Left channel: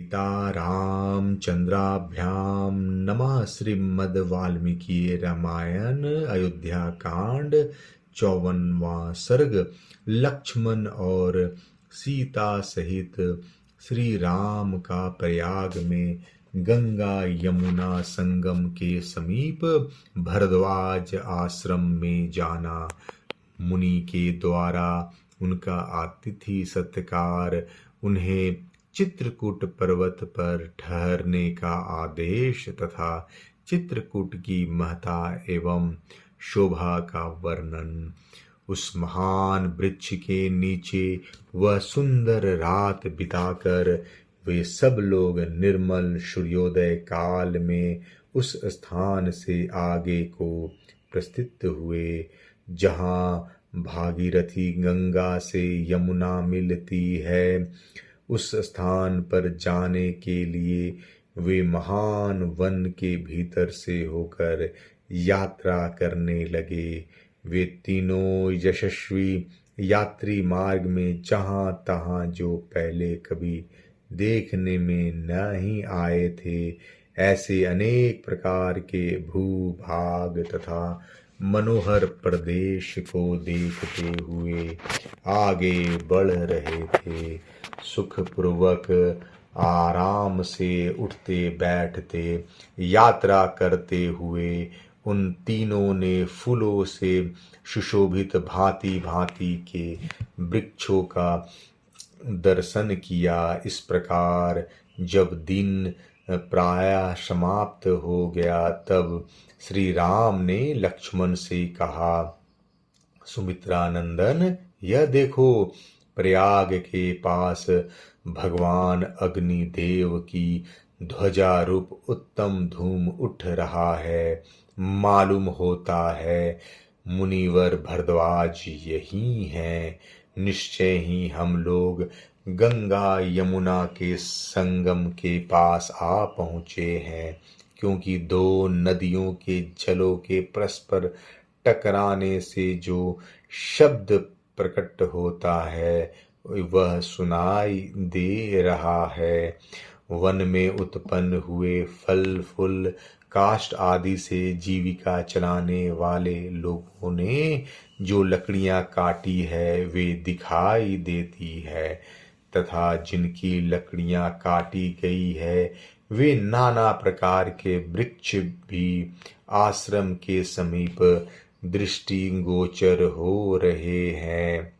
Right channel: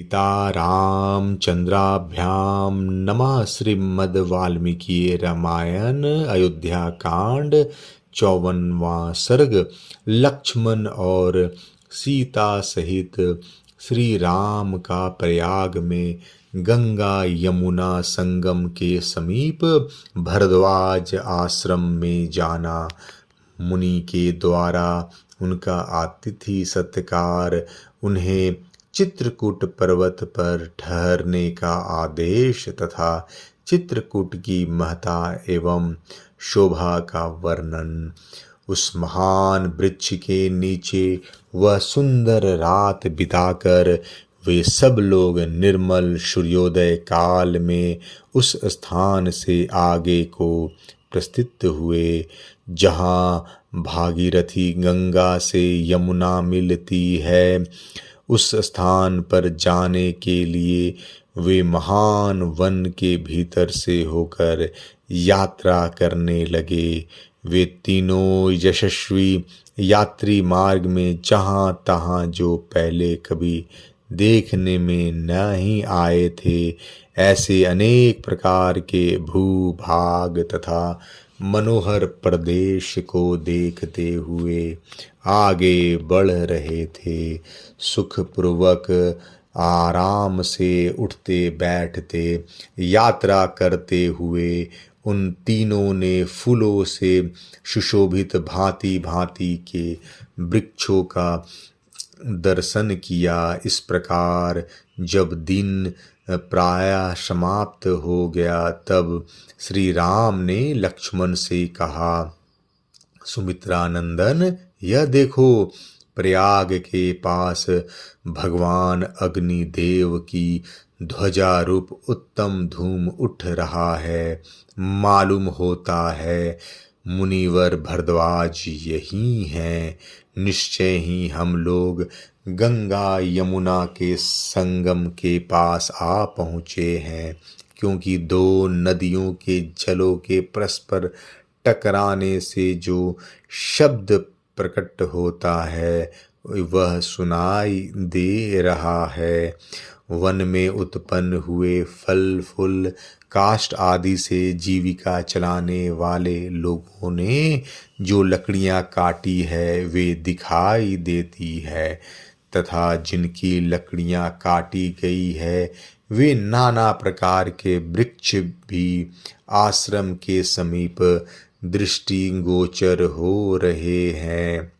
सीता रामचंद्राभ्याम नमः। श्रीमद् वाल्मीकि रामायण अयोध्या कांड 54वां सर्ग। लक्ष्मण और सीता सहित श्री राम का प्रयाग में गंगा यमुना संगम के समीप भरद्वाज आश्रम में जाना। मुनि के द्वारा उनका आतिथ्य सत्कार, उन्हें चित्रकूट पर्वत पर ठहरने का आदेश तथा चित्रकूट की महत्ता एवं शोभा का वर्णन। उस महान वृक्ष के नीचे वह सुंदर रात बिताकर वे सब लोग निर्मल सूर्योदय काल में उस स्थान से आगे को प्रस्थित हुए जहाँ भागीरथी गंगा से यमुना मिलती है। उस स्थान पर जाने के लिए वे महान वन के भीतर से होकर यात्रा करने लगे। वे तीनों यशस्वी यात्री मार्ग में जहाँ तहाँ जो पहले कभी देखने में नहीं आए थे, ऐसे अनेक प्रकार के भूभाग तथा मनोहर प्रदेश को देखते हुए आगे बढ़ रहे थे। सुखपूर्वक आराम से उठते बैठते यात्रा करते हुए उन तीनों ने फूलों से सुशोभित भांति भांति के वृक्षों का दर्शन किया। इस प्रकार जब दिन प्रायः समाप्त हो गया तब श्री राम ने लक्ष्मण से कहा, सुमित्रा नंदन, यह देखो, प्रयाग के पास भगवान अग्निदेव की ध्वजा रूप उत्तम धूम उठ रहा है। मालूम होता है मुनिवर भरद्वाज यही हैं। निश्चय ही हम लोग गंगा यमुना के संगम के पास आ पहुँचे हैं, क्योंकि दो नदियों के जलों के परस्पर टकराने से जो शब्द प्रकट होता है वह सुनाई दे रहा है। वन में उत्पन्न हुए फल फूल काष्ठ आदि से जीविका चलाने वाले लोगों ने जो लकड़ियां काटी है वे दिखाई देती है, तथा जिनकी लकड़ियां काटी गई है वे नाना प्रकार के वृक्ष भी आश्रम के समीप दृष्टि गोचर हो रहे हैं।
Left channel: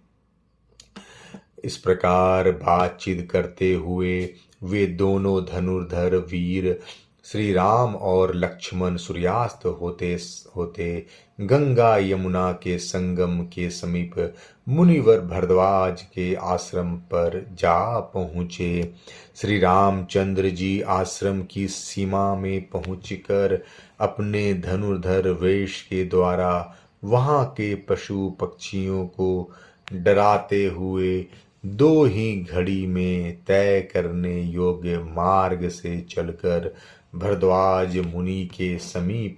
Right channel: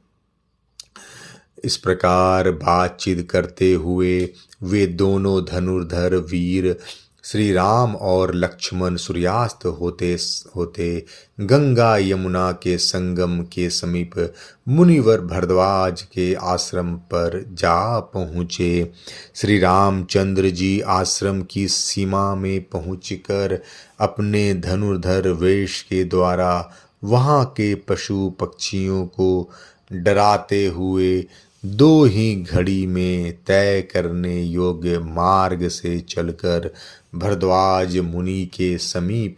इस प्रकार बातचीत करते हुए वे दोनों धनुर्धर वीर श्री राम और लक्ष्मण सूर्यास्त होते होते गंगा यमुना के संगम के समीप मुनिवर भरद्वाज के आश्रम पर जा पहुँचे। श्री रामचंद्र जी आश्रम की सीमा में पहुँचकर अपने धनुर्धर वेश के द्वारा वहाँ के पशु पक्षियों को डराते हुए दो ही घड़ी में तय करने योग्य मार्ग से चलकर भरद्वाज मुनि के समीप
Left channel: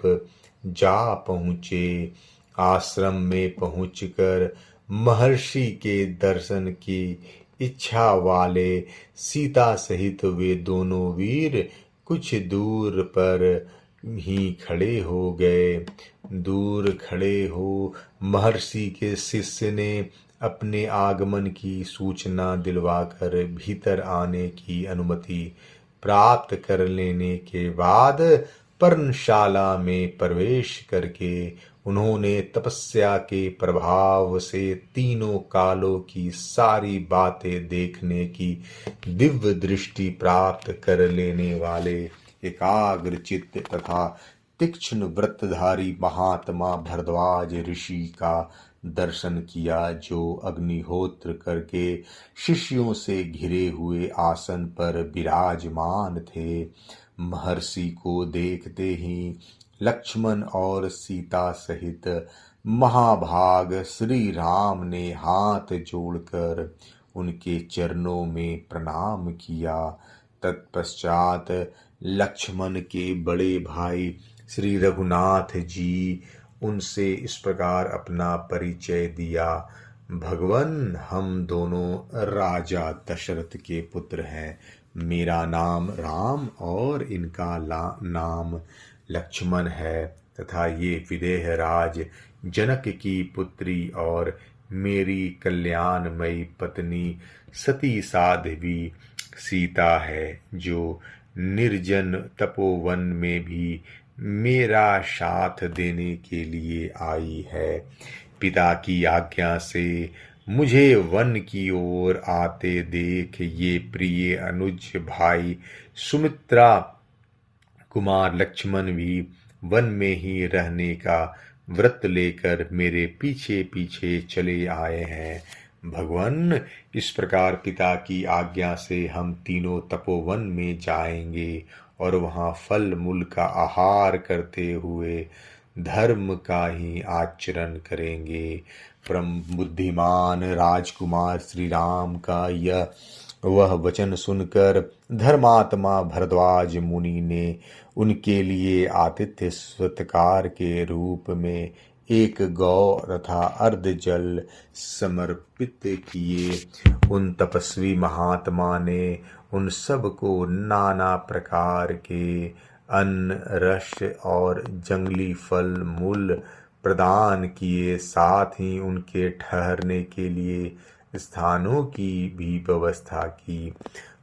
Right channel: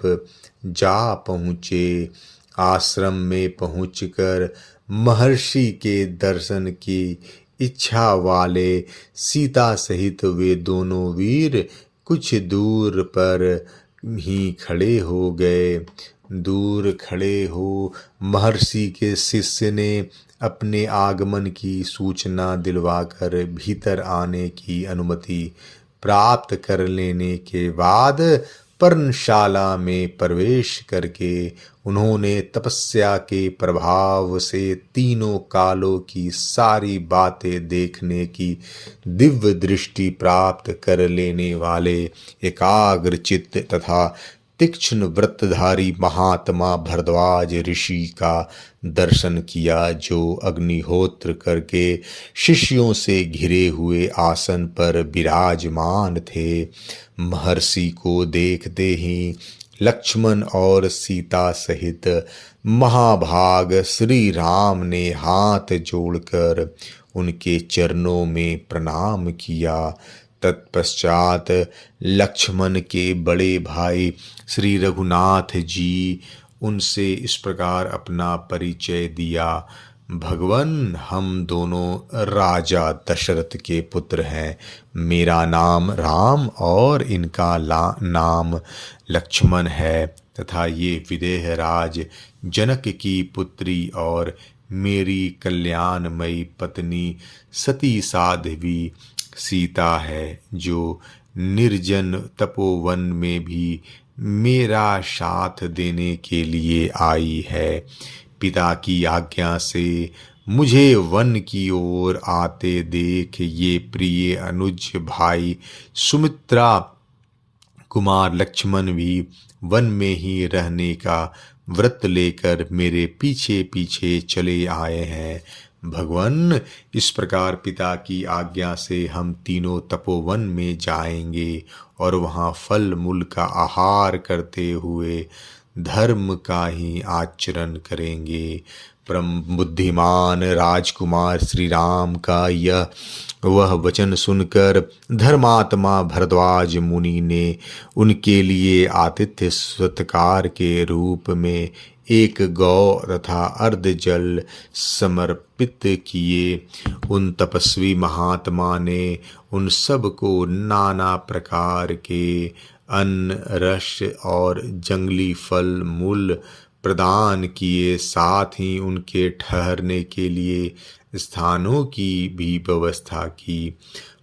जा पहुँचे। आश्रम में पहुँचकर महर्षि के दर्शन की इच्छा वाले सीता सहित वे दोनों वीर कुछ दूर पर ही खड़े हो गए। दूर खड़े हो महर्षि के शिष्य ने अपने आगमन की सूचना दिलवाकर भीतर आने की अनुमति प्राप्त कर लेने के बाद पर्णशाला में प्रवेश करके उन्होंने तपस्या के प्रभाव से तीनों कालों की सारी बातें देखने की दिव्य दृष्टि प्राप्त कर लेने वाले एकाग्र चित्त तथा तीक्ष्ण व्रतधारी महात्मा भरद्वाज ऋषि का दर्शन किया, जो अग्निहोत्र करके शिष्यों से घिरे हुए आसन पर विराजमान थे। महर्षि को देखते ही लक्ष्मण और सीता सहित महाभाग श्री राम ने हाथ जोड़कर उनके चरणों में प्रणाम किया। तत्पश्चात लक्ष्मण के बड़े भाई श्री रघुनाथ जी उनसे इस प्रकार अपना परिचय दिया। भगवन, हम दोनों राजा दशरथ के पुत्र हैं। मेरा नाम राम और इनका नाम लक्ष्मण है तथा ये विदेह राज जनक की पुत्री और मेरी कल्याणमयी पत्नी सती साध्वी सीता है, जो निर्जन तपोवन में भी मेरा साथ देने के लिए आई है। पिता की आज्ञा से मुझे वन की ओर आते देख ये प्रिय अनुज भाई सुमित्रा कुमार लक्ष्मण भी वन में ही रहने का व्रत लेकर मेरे पीछे पीछे चले आए हैं। भगवान, इस प्रकार पिता की आज्ञा से हम तीनों तपोवन में जाएंगे और वहाँ फल मूल का आहार करते हुए धर्म का ही आचरण करेंगे। परम बुद्धिमान राजकुमार श्री राम का वह वचन सुनकर धर्मात्मा भरद्वाज मुनि ने उनके लिए आतिथ्य सत्कार के रूप में एक गौ तथा अर्ध जल समर्पित किए। उन तपस्वी महात्मा ने उन सब को नाना प्रकार के अन्न, रस और जंगली फल मूल प्रदान किए। साथ ही उनके ठहरने के लिए स्थानों की भी व्यवस्था की।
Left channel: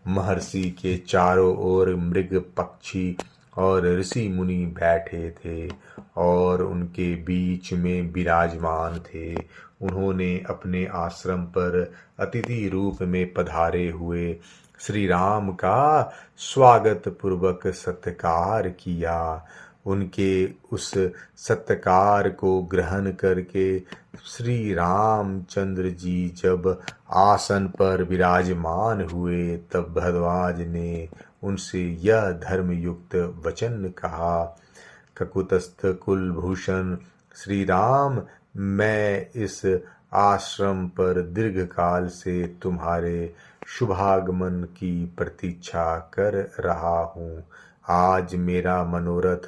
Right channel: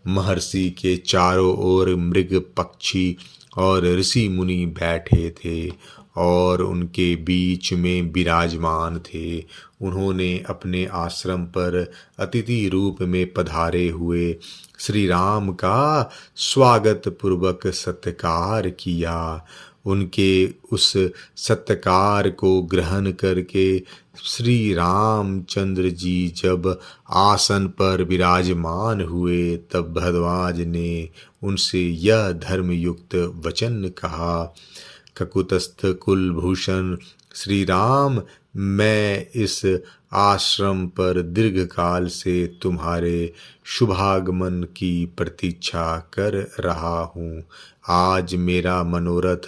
महर्षि के चारों ओर मृग, पक्षी और ऋषि मुनि बैठे थे और उनके बीच में विराजमान थे। उन्होंने अपने आश्रम पर अतिथि रूप में पधारे हुए श्री राम का स्वागत पूर्वक सत्कार किया। उनके उस सत्कार को ग्रहण करके श्री रामचंद्र जी जब आसन पर विराजमान हुए, तब भरद्वाज ने उनसे यह धर्मयुक्त वचन कहा। ककुतस्थ कुलभूषण श्री राम, मैं इस आश्रम पर दीर्घकाल से तुम्हारे शुभागमन की प्रतीक्षा कर रहा हूँ। आज मेरा मनोरथ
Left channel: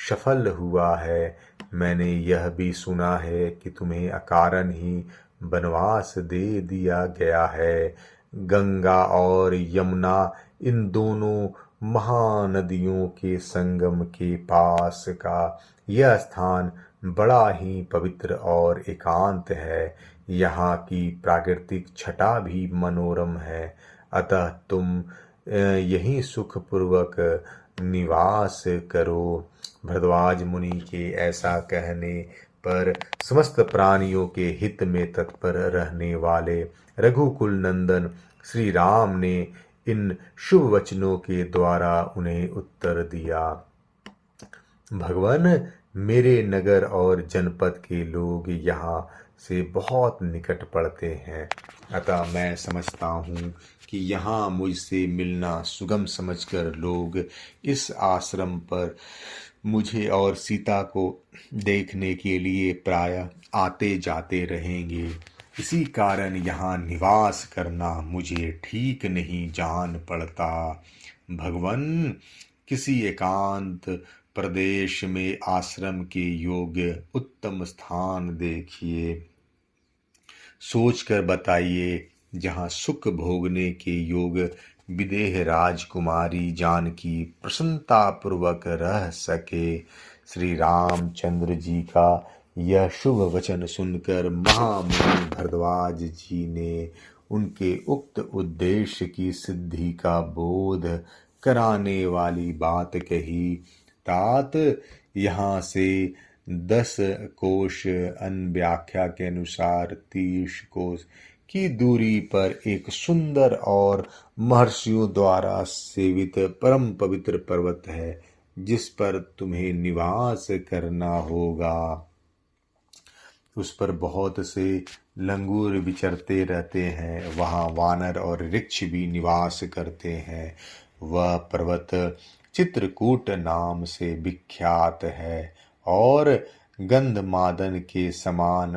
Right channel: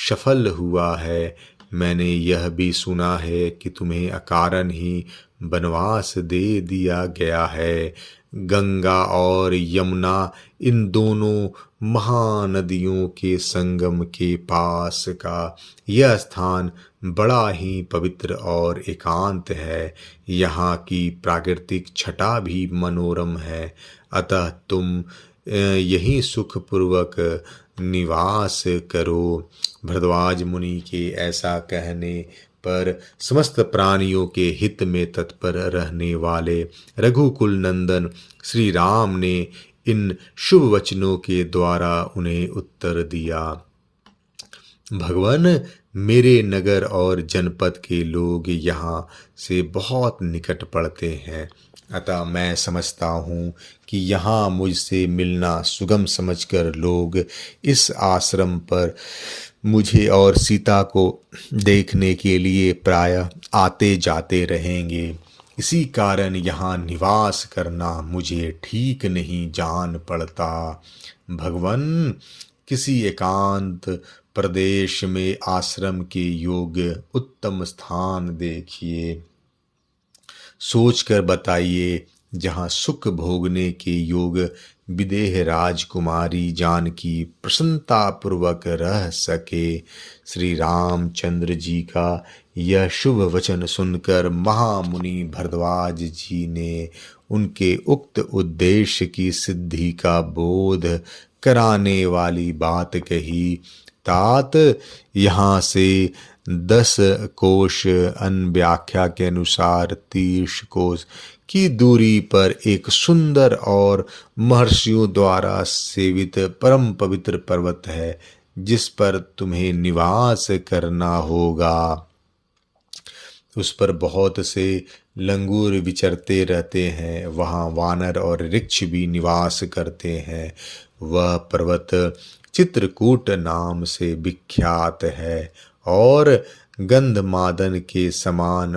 सफल हुआ है। मैंने यह भी सुना है कि तुम्हें अकारण ही वनवास दे दिया गया है। गंगा और यमुना, इन दोनों महानदियों के संगम के पास का यह स्थान बड़ा ही पवित्र और एकांत है। यहाँ की प्राकृतिक छटा भी मनोरम है। अतः तुम यहीं सुखपूर्वक निवास करो। भरद्वाज मुनि के ऐसा कहने पर समस्त प्राणियों के हित में तत्पर रहने वाले रघुकुल नंदन श्री राम ने इन शुभ वचनों के द्वारा उन्हें उत्तर दिया। भगवान, मेरे नगर और जनपद के लोग यहाँ से बहुत निकट पड़ते हैं, अतः मैं समझता हूँ कि यहाँ मुझसे मिलना सुगम समझकर लोग इस आश्रम पर मुझे और सीता को देखने के लिए प्रायः आते जाते रहेंगे। इसी कारण यहाँ निवास करना मुझे ठीक नहीं जान पड़ता। भगवान, किसी एकांत प्रदेश में आश्रम के योग्य उत्तम स्थान देखिए, सोचकर बताइए, जहाँ सुख भोगने के योग विदेह राजकुमारी जानकी प्रसन्नता पूर्वक रह सके। श्री रामचंद्र जी का यह शुभ वचन सुनकर महामुनि भरद्वाज जी ने उनके उक्त उद्देश्य की सिद्धि का बोध कराने वाली बात कही। तात, यहाँ से 10 कोश अन्य व्याख्या के अनुसार 30 कोश की दूरी पर एक सुंदर और महर्षियों द्वारा सेवित परम पवित्र पर्वत है, जिस पर तुम्हें निवास करना होगा। उस पर बहुत से लंगूर विचरते रहते हैं। वहाँ वानर और ऋक्ष भी निवास करते हैं। वह पर्वत चित्रकूट नाम से विख्यात है और गंधमादन के समान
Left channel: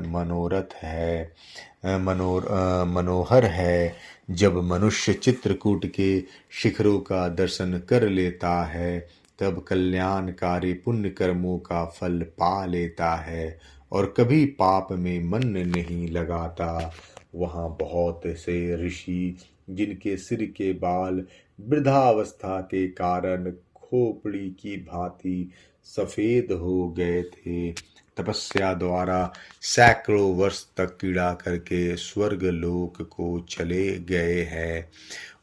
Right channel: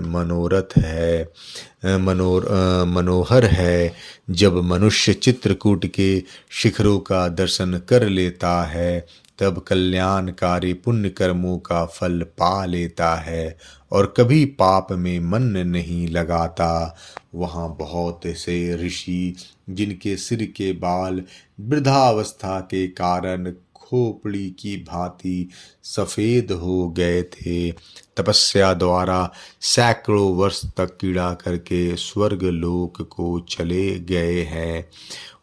मनोहर है। जब मनुष्य चित्रकूट के शिखरों का दर्शन कर लेता है, तब कल्याणकारी पुण्य कर्मों का फल पा लेता है और कभी पाप में मन नहीं लगाता। वहाँ बहुत से ऋषि जिनके सिर के बाल वृद्धावस्था के कारण खोपड़ी की भांति सफेद हो गए थे, तपस्या द्वारा सैकड़ों वर्ष तक कीड़ा करके स्वर्ग लोक को चले गए हैं,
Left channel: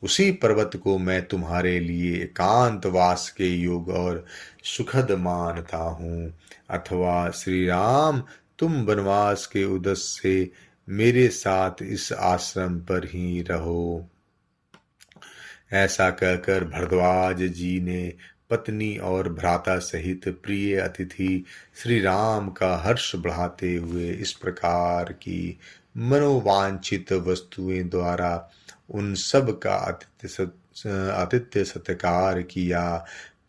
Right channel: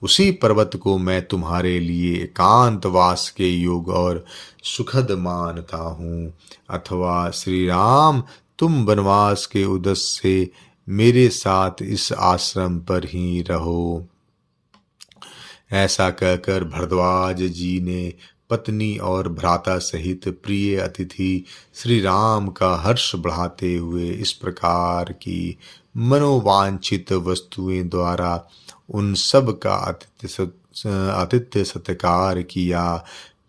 उसी पर्वत को मैं तुम्हारे लिए एकांतवास के योग और सुखद मानता हूँ। अथवा श्री राम, तुम वनवास के उद्देश्य से मेरे साथ इस आश्रम पर ही रहो। ऐसा कहकर भरद्वाज जी ने पत्नी और भ्राता सहित प्रिय अतिथि श्री राम का हर्ष बढ़ाते हुए इस प्रकार की मनोवांछित वस्तुएं द्वारा उन सब का आतिथ्य सत्कार किया।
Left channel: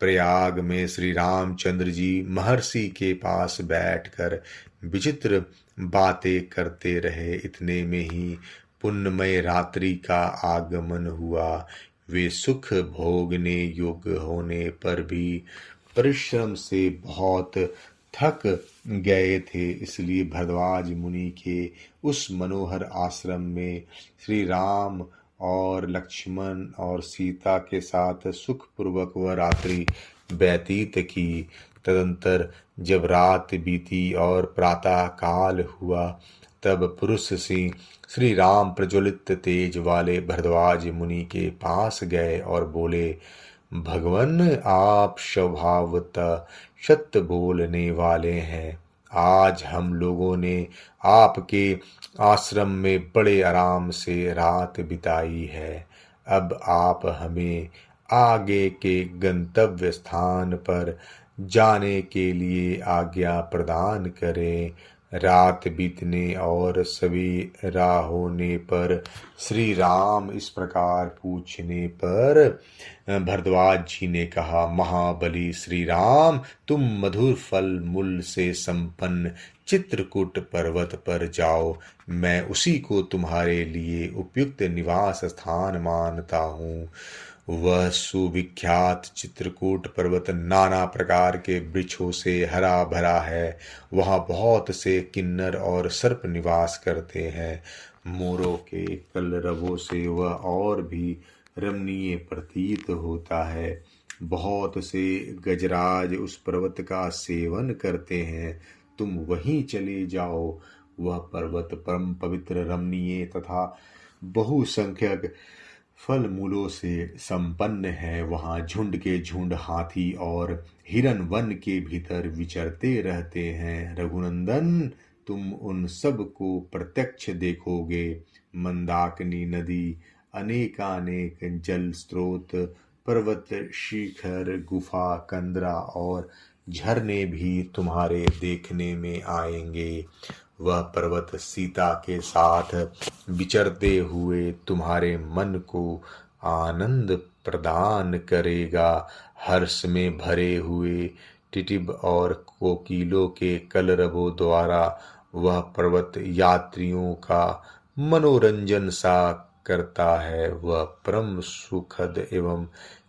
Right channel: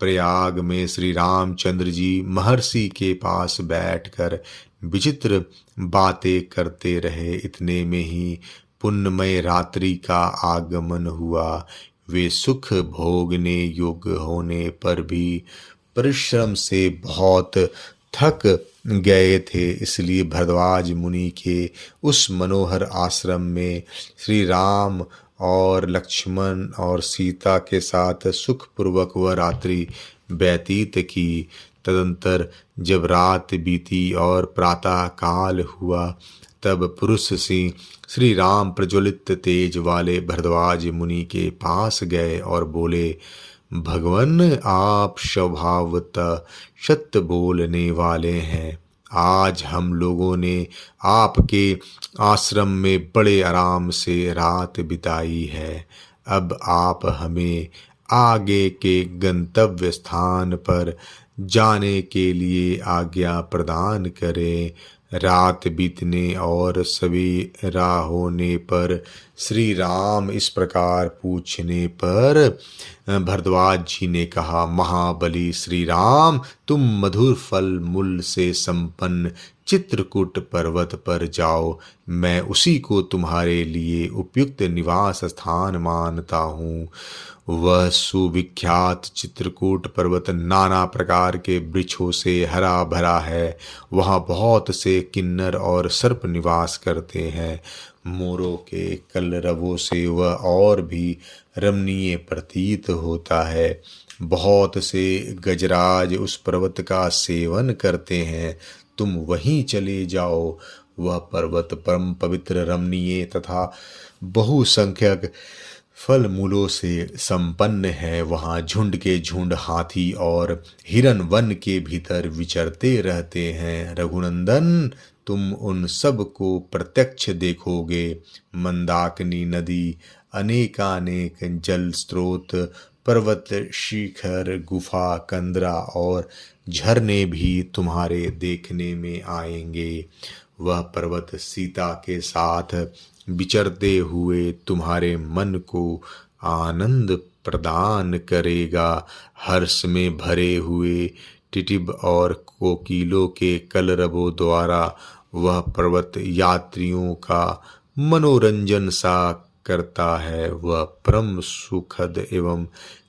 प्रयाग में श्री रामचंद्र जी महर्षि के पास बैठकर विचित्र बातें करते रहे। इतने में ही पुण्यमय रात्रि का आगमन हुआ। वे सुख भोगने योग्य होने पर भी परिश्रम से बहुत थक गए थे, इसलिए भरद्वाज मुनि के उस मनोहर आश्रम में श्री राम और लक्ष्मण और सीता के साथ सुखपूर्वक वह रात्रि व्यतीत की। तदंतर जब रात बीती और प्रातः काल हुआ, तब पुरुष सिंह श्री राम प्रज्वलित तेज वाले भरद्वाज मुनि के पास गए और बोले, भगवन, आप स्वभावतः सत्य बोलने वाले हैं। आज हम लोगों ने आपके आश्रम में बड़े आराम से रात बिताई है। अब आप हमें आगे के गंतव्य स्थान पर जाने के लिए आज्ञा प्रदान करें। रात बीतने और सवेरा होने पर श्री राम इस प्रकार पूछने पर भरद्वाज जी ने कहा, महाबली श्री राम, तुम मधुर फल मूल से संपन्न चित्रकूट पर्वत पर जाओ। मैं उसी को तुम्हारे लिए उपयुक्त निवास स्थान मानता हूँ। वह सुविख्यात चित्रकूट पर्वत नाना प्रकार के वृक्षों से हरा भरा है। वहाँ बहुत से किन्नर और सर्प निवास करते हैं। मोरों के कलरवों से वह और भी रमणीय प्रतीत होता है। बहुत से गजराज उस पर्वत का सेवन करते हैं। तुम वहीं चले जाओ। वह पर्वत परम पवित्र, रमणीय तथा बहुसंख्यक फल मूलों से संपन्न है। वहाँ झुंड के झुंड हाथी और हिरन वन के भीतर विचरते रहते हैं। रघुनंदन, तुम उन सब को प्रत्यक्ष देखोगे। मंदाकिनी नदी, अनेकानेक जल स्रोत, पर्वत शिखर, गुफा, कंदरा और झरने भी तुम्हारे देखने में आएंगे। वह पर्वत सीता के साथ विचरते हुए तुम्हारे मन को आनंद प्रदान करेगा। हर्ष में भरे हुए टिटिब और कोकिलों के कलरवों द्वारा वह पर्वत यात्रियों का मनोरंजन सा करता है। वह परम सुखद एवं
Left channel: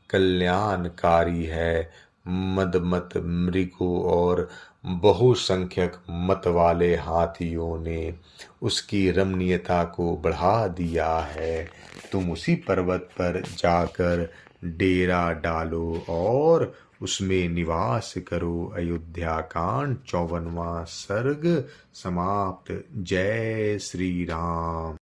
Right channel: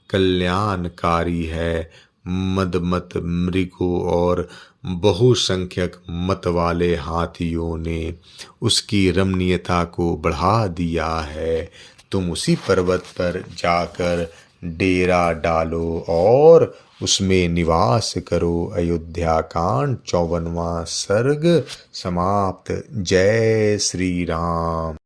कल्याणकारी है। मदमत मृगों और बहुसंख्यक मत वाले हाथियों ने उसकी रमणीयता को बढ़ा दिया है। तुम उसी पर्वत पर जाकर डेरा डालो और उसमें निवास करो। अयोध्या कांड 54वां सर्ग समाप्त। जय श्री राम।